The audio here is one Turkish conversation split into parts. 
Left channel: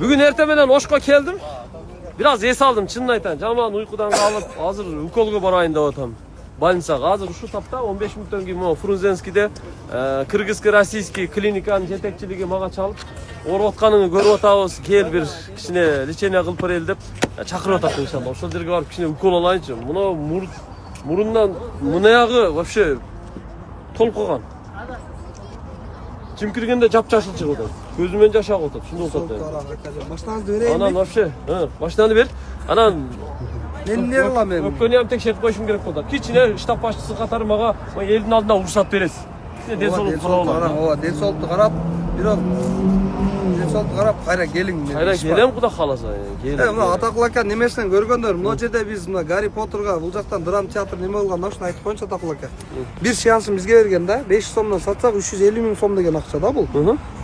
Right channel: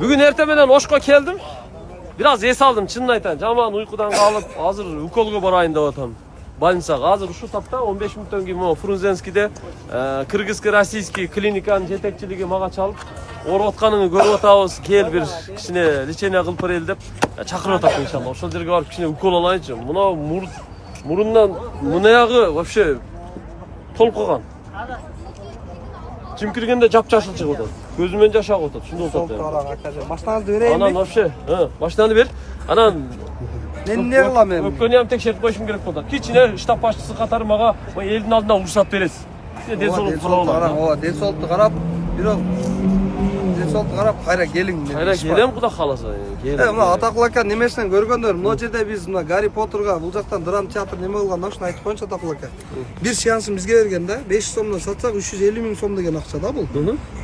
Bugün ertemeden Oşko geldim. Biraz es aldım çınını aytan. Jaman uykudan kalıp hazır ukolga barayın деп атам. Больницага азыр ушул тапта 15 мүнөттөн кийин могу Фрунзенскийде кыргызский российский клиниканын жетекчилиги мага чалып ооруп атканыңды көрүп атабыз. Кел бир кичине лечение кылып берели деп чакырып атат иншалла. Ошол жерге барып кичине укол алайынчы. Мына мурундан мынаягы вообще толуп калган. Kim kirgende жап-жашыл чыгып атат. Көзүмөн жаш агып атат. Шундай болуп атат. Машинаңызды берейин. Анан вообще, машинаны бер. Анан мен эмне кылам эми? Өпкөнү ham текшерип коюшум керек болот. Кичине штаб башчысы катары мага элдин алдында уруксат бересиз. Ден соолукту карап. Ооба, ден соолукту карап, бирок ден соолукту карап кайра келиң. Кайра келем Кудай кааласа. Мына Атакул ака немесинен көргөндөр, мына жерде биз мына Гарри Поттерга бул жактан драма театр неме кылган, ошону айтып коюнчу Атакул ака. Бир сеансын бизге берген да, 500 сомдон сатсак 350 миң сом деген акча да бул.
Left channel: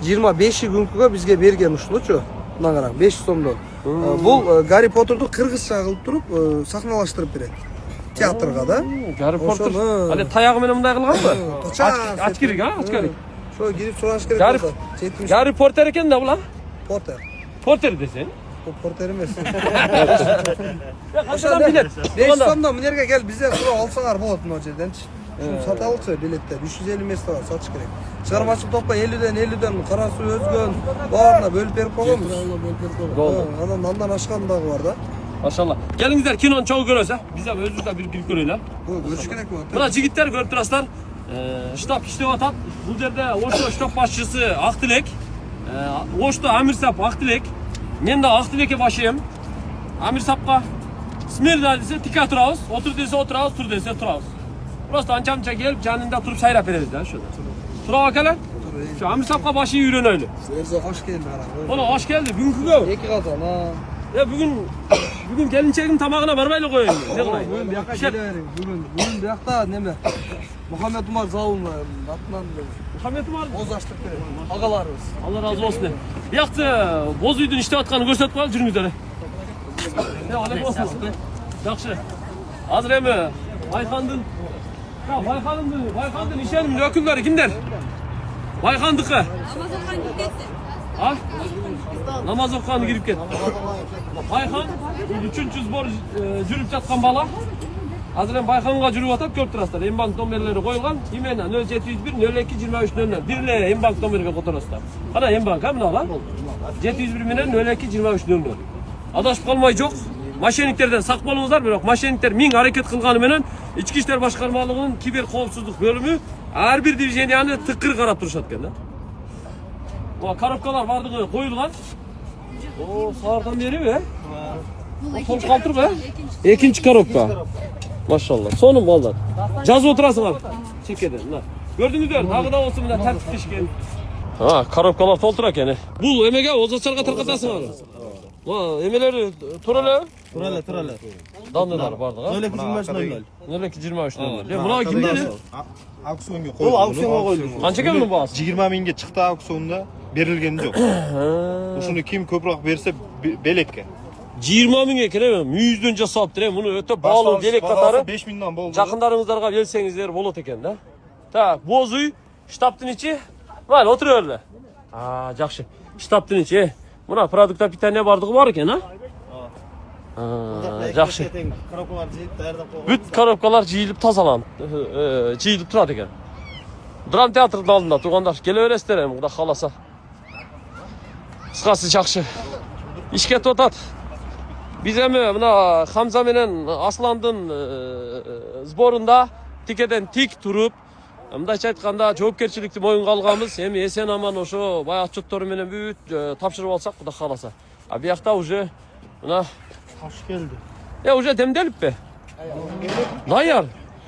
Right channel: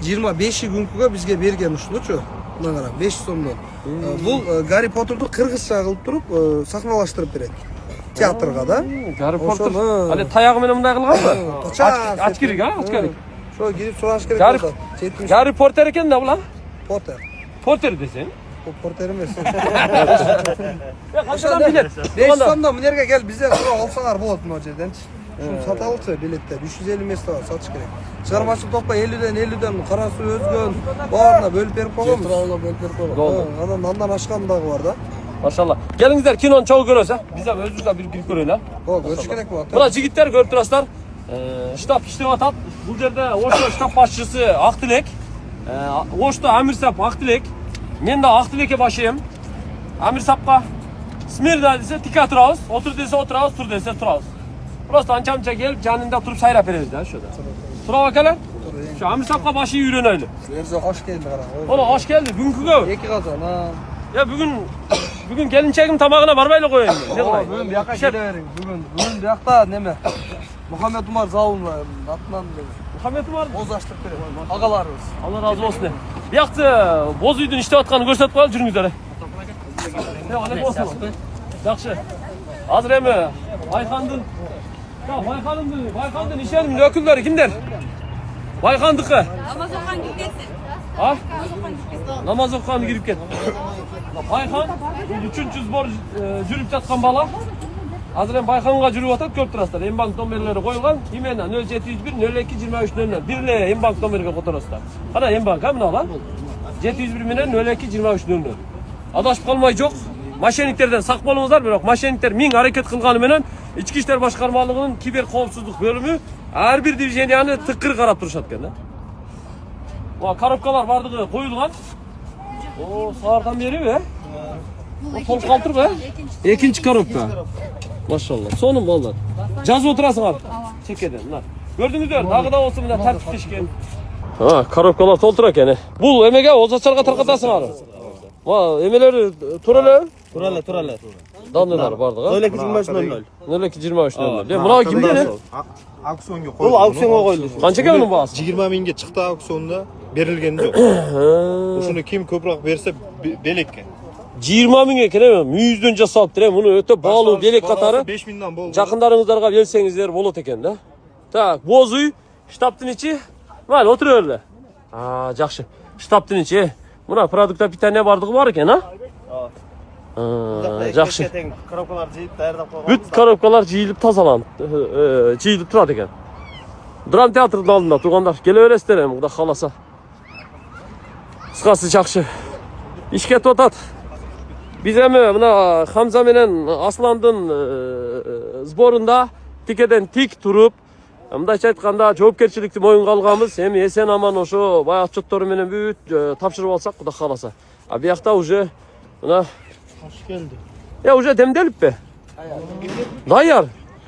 25 күнкүгө бизге берген ушунучу. Мына караң, 500 сомдон. Бул Гарри Поттерду кыргызча кылып туруп сахналаштырып берет. Театрга да. Гарри Поттер. Али таягы менен мындай кылганбы? Ач керек, ач керек. Ошо кирип сураш керек болду. Гарри Поттер экен да бул, а? Поттер. Поттер десең. Бул Поттер эмес. Я кантадан билет? 500 сомдон мына жерге кел, бизден сурап алсаңар болот мына жерденчи. Шуну саталычы билетте 350 месте бар, сатыш керек. Чыгармачылык топко 50ден кара суу өзгөн, баарына бөлүп берип койгонбуз. Бөлүп берип койгон. Андан ашкан дагы бар да. Машалла. Келиңиздер, кинону чогуу көрөбүз, а? Биз дагы өзүбүз дагы кирип көрөлү, а? Ооба, көрүш керек болот. Мына жигиттер көрүп турасыздар. Штаб иштеп атат. Бул жерде Ошто штаб башчысы Актилек, Ошто Амирсап Актилек. Мен да Актилекке башыйм. Амирсапка смирно десе тика турабыз, отур десе отурабыз, тур десе турабыз. Просто анча-мынча келип, жанында туруп сайрап беребиз да, ошода. Турабы акелер? Şu Amirsapka başı үйрөнөлү. Өзү кош келди кара. Оно кош келди, бүгүнкүгө. Эки казан. Ya bugün gelinçegim tamağına barbayla koyayım. Ne kılay? Bugün bu yakka gele verin. Bugün bu yakta neme? Muhammed Umar Zavun atından dedi. Muhammed Umar boz açtık dedi. Agalarımız. Allah razı olsun. Bir yaktı boz uydun işte atkanı gösterip koyalım жүрүңүздөр. Ya aleyküm olsun. Yaxşı. Hazır emi Baykan'dın. Ya Baykan'dın işenim ökülleri kimler? Baykan'dıkı. Namaz okan girip ketsin. Ha? Namaz okan girip ketsin. Baykan 3. zbor жүрүп жаткан бала. Азыр эми Байканга жүрүп атат, көрүп турасыздар. Эмбанк номерлери коюлган. Имена 0701 02 23 00. Бир эле Эмбанк номерге которосуздар. Кана Эмбанк а мына 701 менен 02 23 00. Адашып калмай жок. Мошенниктерден сак болуңуздар, бирок мошенниктер миң аракет кылганы менен Ички иштер башкармалыгынын кибер коопсуздук бөлүмү ар бир дивизияны тыкыр карап турушат экен да. Мына коробкалар бардыгы коюлган. О, саардан бериби, толуп калтырбы? Экинчи коробка. Машалла. Сонун балдар. Жазып отурасыңар. Чекеден, мына. Көрдүңүздөр, дагы да болсо мына тартиптешкен. Коробкалар толтура экен. Бул эмеге озатчарга таркатасыңар. Ма, эмелери турале. Данылар бардыгы. 022300. 022300. Мына кимден? Aksiyonga qo'yildi. Bu aksiyonga qo'yildi. Qancha keldi bu bahsi? 20 mingga chiqdi auksionda, berilgani yo'q. O'shani kim ko'proq bersa belakka. 20 mingga kelemi? 100'den jasaptır hem bunu öte bağlı gerek katarı. 5 mingdan bo'ldi. Yakınlarınızlarga gelsengizler bolot eken da. Ta, bozuy, ştabtın içi. Lan oturuyorlar. Aa, жақсы. Ştabtın içi. Buna produkta bir tane bardığı var eken ha? Жақсы. Коробкалар жиып даярдап койгон. Бүт коробкалар жиылып тазаланып, жиылып турат экен. Драм театрдын алдында тургандар келе бересиздер эми, Кудай кааласа. Кыскасы жақсы. Иш кетип атат. Биз эми мына Хамза менен Асландын сборунда тикеден тик туруп, мындайча айтканда жоопкерчиликти моюнга алганбыз. Эми эсен аман ошо баягы отчеттору менен бүт тапшырып алсак, Кудай кааласа. А биякта уже мына Hoş geldi. ya уже demdelip be. Dayar.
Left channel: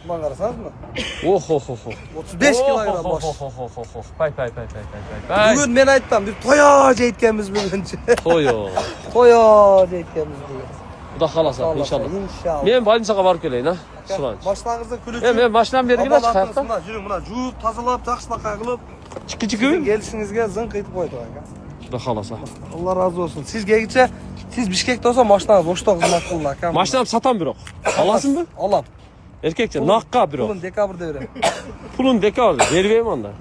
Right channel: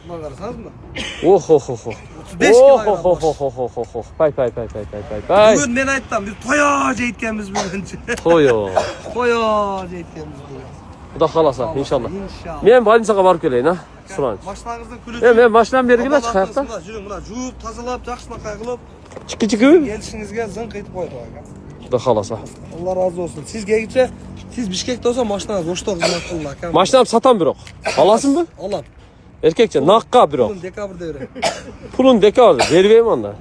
Bana karasınız mı? Oh. 35 kilogram boş. Pay. Bugün ben ayttam bir toyaca etkemiz bugün. Toyo. Toyaca etkemiz bugün. Kuda kalasa inşallah. İnşallah. Men больницага барып келейин а. Сыланч. Başlangıçta külücü. Men baştan beri gitmez Buna kanka. жүрүң мына жууп, тазалап, жакшылыкка кылып. Çıkı. Gelişingizge zınk etip koydu aka. Kuda kalasa. Allah razı olsun. Siz gelgiçe siz Bişkek'te olsa maşınağız Oşta kızmak kılın aka. Maştan satan bирок. Alasın mı? Alam. Erkekçe nakka bирок. Bunun dekabrda verem. Pulun deka abi. Vermeyeyim onlar.